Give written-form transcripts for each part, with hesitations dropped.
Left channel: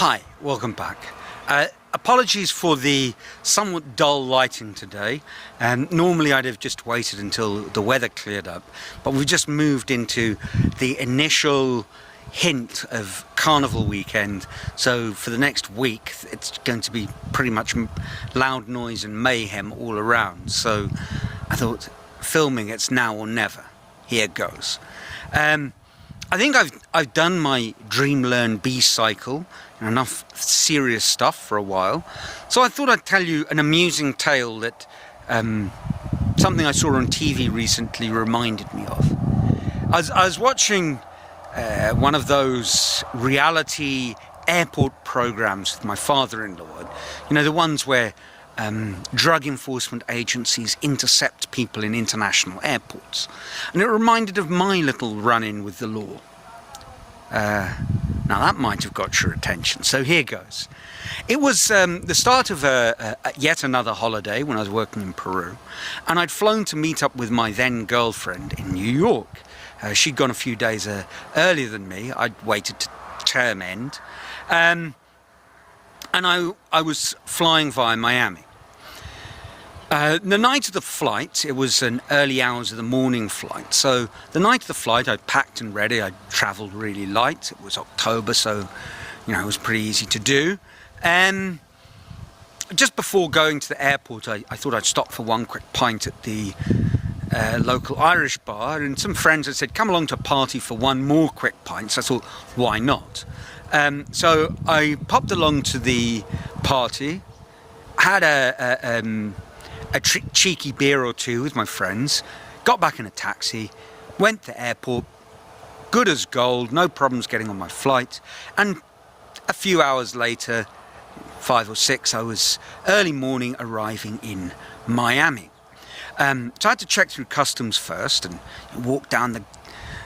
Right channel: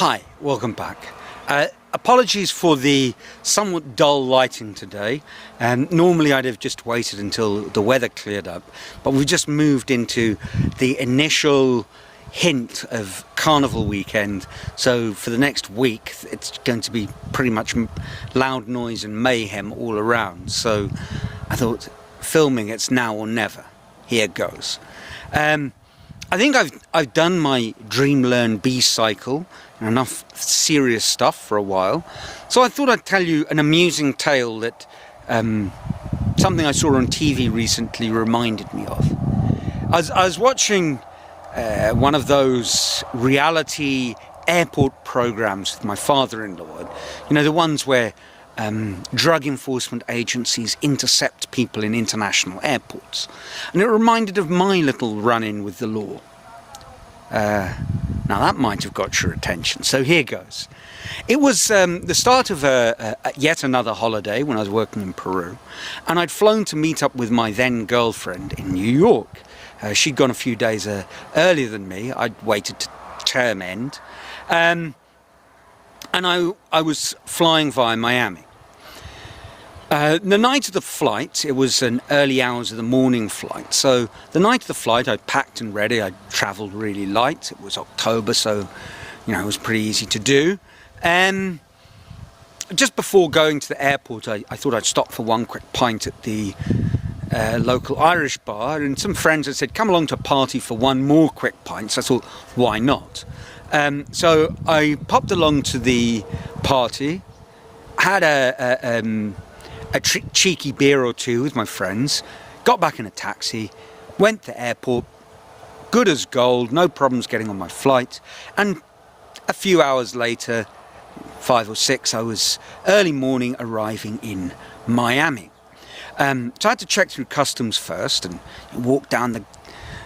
Hi, welcome back. Apologies for the somewhat dull lighting today. Normally I'd have just waited until the weather cleared up, but we've just moved into the initial hint of Carnival weekend, so for the next week it's going to be pretty much loud noise and mayhem all around. So I thought, filming it's now or never. Here goes. I think I've done my Dream Learn Be cycle, enough serious stuff for a while, so I thought I'd tell you an amusing tale that something I saw on TV recently reminded me of. I was watching one of those reality airport programs with my father-in-law, you know, the ones where drug enforcement agencies intercept people in international airports, and it reminded of my little run-in with the law. Now that might have got your attention, so here goes. It was the start of yet another holiday when I was working in Peru, and I'd flown to meet up with my then girlfriend in New York. She'd gone a few days earlier than me. I'd waited to term end, and I was flying via Miami. The night of the flight, it was an early hours of the morning flight, so the night of the flight I'd packed and ready. I'd travelled really light. It was October, so you know it was pretty easy to do. Just before going to the airport, I thought I'd stop for one quick pint at the local Irish bar, and some friends had said, come along to a party for one more quick pint, so I thought, why not? So I popped along to the party, had a cheeky beer or two with my friends, got back in a taxi, went to the airport, good as gold, no problems getting on my flight, and a few hours later, 5 or 6, I was early morning arriving in Miami. So I had to check through customs first and walk down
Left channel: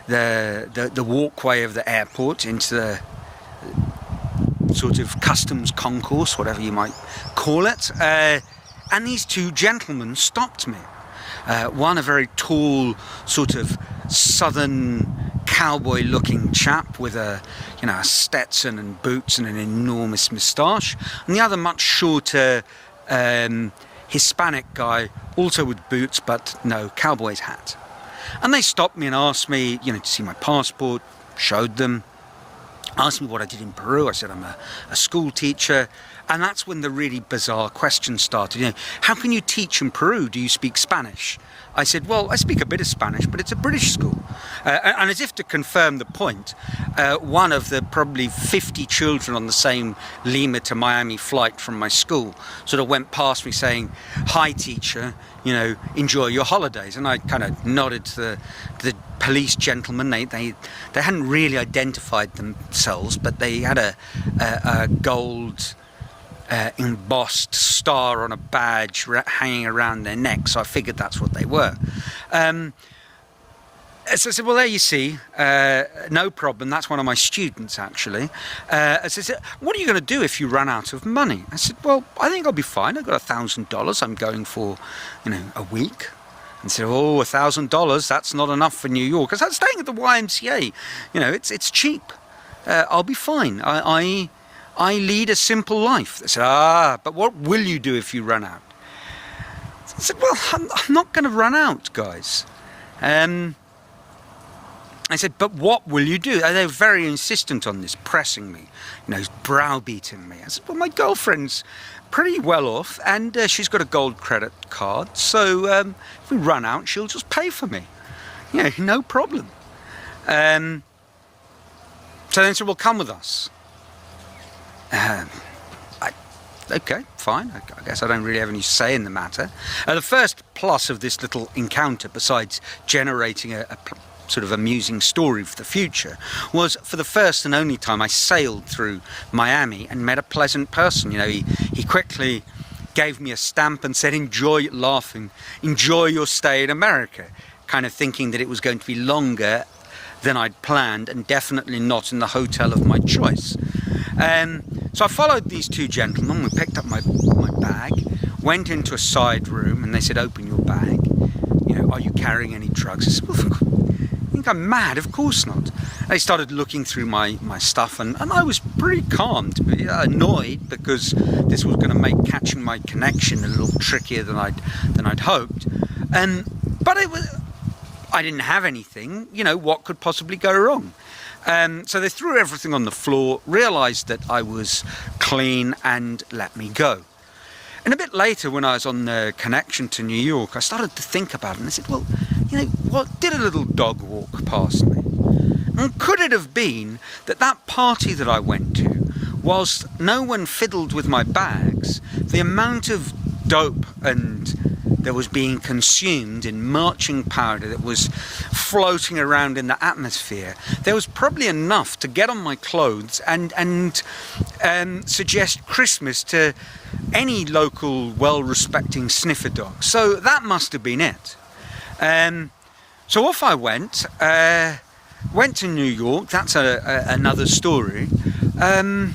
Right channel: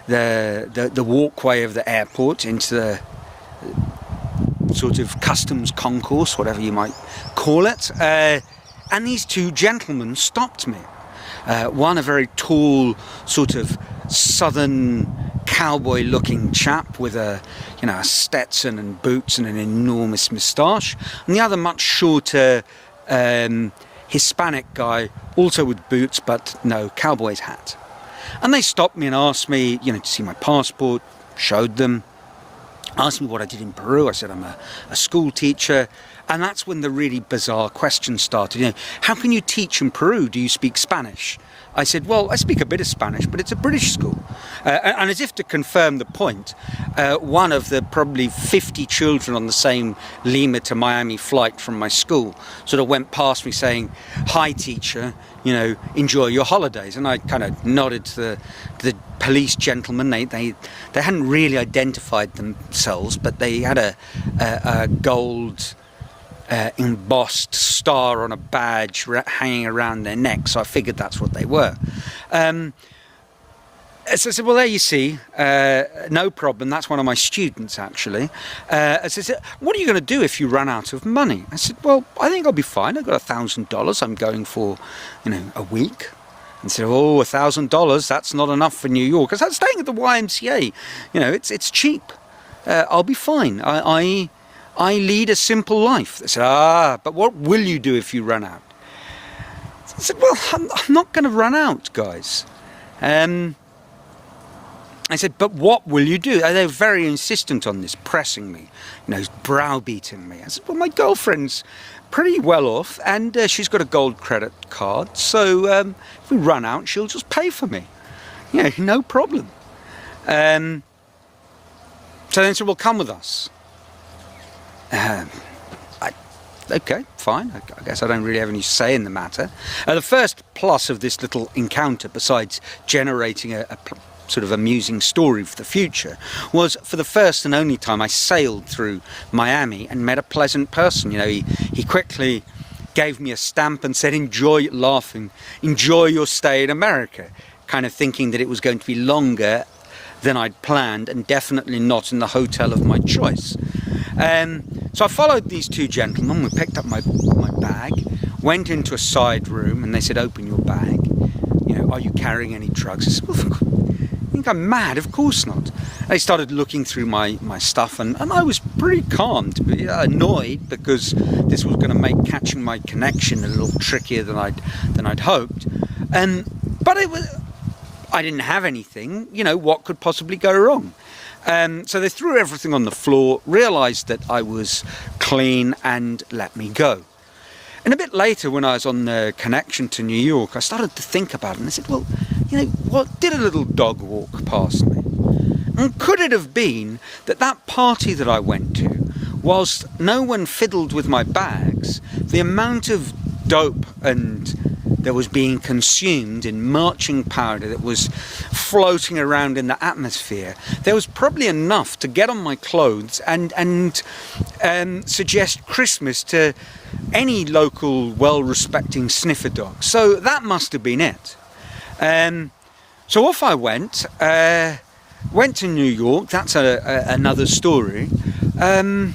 the walkway of the airport into the sort of customs concourse, whatever you might call it. And these two gentlemen stopped me. One, a very tall, sort of southern cowboy-looking chap with a Stetson and boots and an enormous moustache, and the other, much shorter, Hispanic guy, also with boots but no cowboy's hat. And they stopped me and asked me, to see my passport. Showed them. Asked me what I did in Peru. I said I'm a school teacher. And that's when the really bizarre questions started. How can you teach in Peru? Do you speak Spanish? I said, well, I speak a bit of Spanish, but it's a British school. And as if to confirm the point, one of the probably 50 children on the same Lima to Miami flight from my school sort of went past me saying, hi, teacher, enjoy your holidays. And I kind of nodded to the police gentlemen. They hadn't really identified themselves, but they had a gold embossed star on a badge hanging around their neck, so I figured that's what they were. So I said, well, there you see, no problem, that's one of my students, actually. I said, what are you going to do if you run out of money? I said, well, I think I'll be fine. I've got $1,000 I'm going for, a week. And said, oh, $1,000, that's not enough for New York. I said, I'm staying at the YMCA, it's cheap. I'll be fine. I lead a simple life. They said, but what will you do if you run out? I said, well, I'm not going to run out, guys. I said, but what will you do? They were very insistent on this, pressing me, browbeating me. I said, well, my girlfriend's pretty well off, and she's got a gold credit card, so if we run out, she'll just pay for me. No problem. So they said, well, come with us. Okay, fine. I guess I don't really have any say in the matter. The first plus of this little encounter, besides generating a sort of amusing story for the future, was for the first and only time I sailed through Miami and met a pleasant person. He quickly gave me a stamp and said, enjoy your stay in America, kind of thinking that it was going to be longer than I'd planned and definitely not in the hotel of my choice. So I followed these two gentlemen. We picked up my bag, went into a side room, and they said, open your bag. Are you carrying any drugs? I said, well, think I'm mad? Of course not. I started looking through my stuff, and I was pretty calm, to be annoyed because this was going to make catching my connection a little trickier than I'd hoped. But I didn't have anything. You know, what could possibly go wrong? So they threw everything on the floor, realised that I was clean, and let me go. And a bit later, when I was on the connection to New York, I started to think about it, and I said, well, you know, what did a little dog walk past me? And could it have been that party that I went to, whilst no one fiddled with my bags, the amount of dope that was being consumed in marching powder that was floating around in the atmosphere, there was probably enough to get on my clothes and suggest Christmas to any local well-respecting sniffer dog. So that must have been it. So off I went to New York. That's another story. And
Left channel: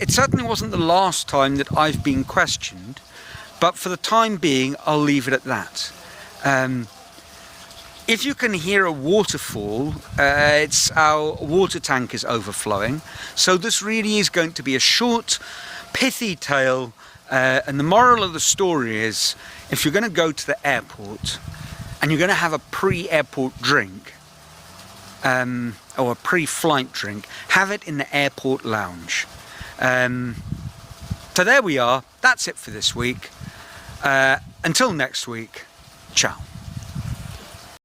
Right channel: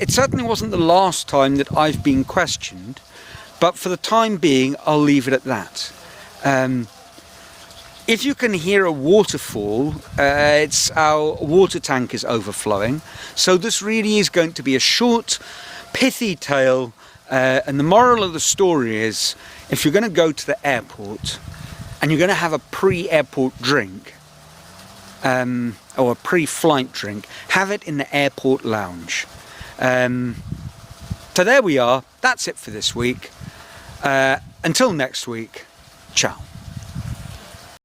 it certainly wasn't the last time that I've been questioned, but for the time being, I'll leave it at that. If you can hear a waterfall, it's our water tank is overflowing. So this really is going to be a short, pithy tale, and the moral of the story is, if you're going to go to the airport and you're going to have a pre-airport drink, or a pre-flight drink, have it in the airport lounge. So there we are. That's it for this week. Until next week, ciao.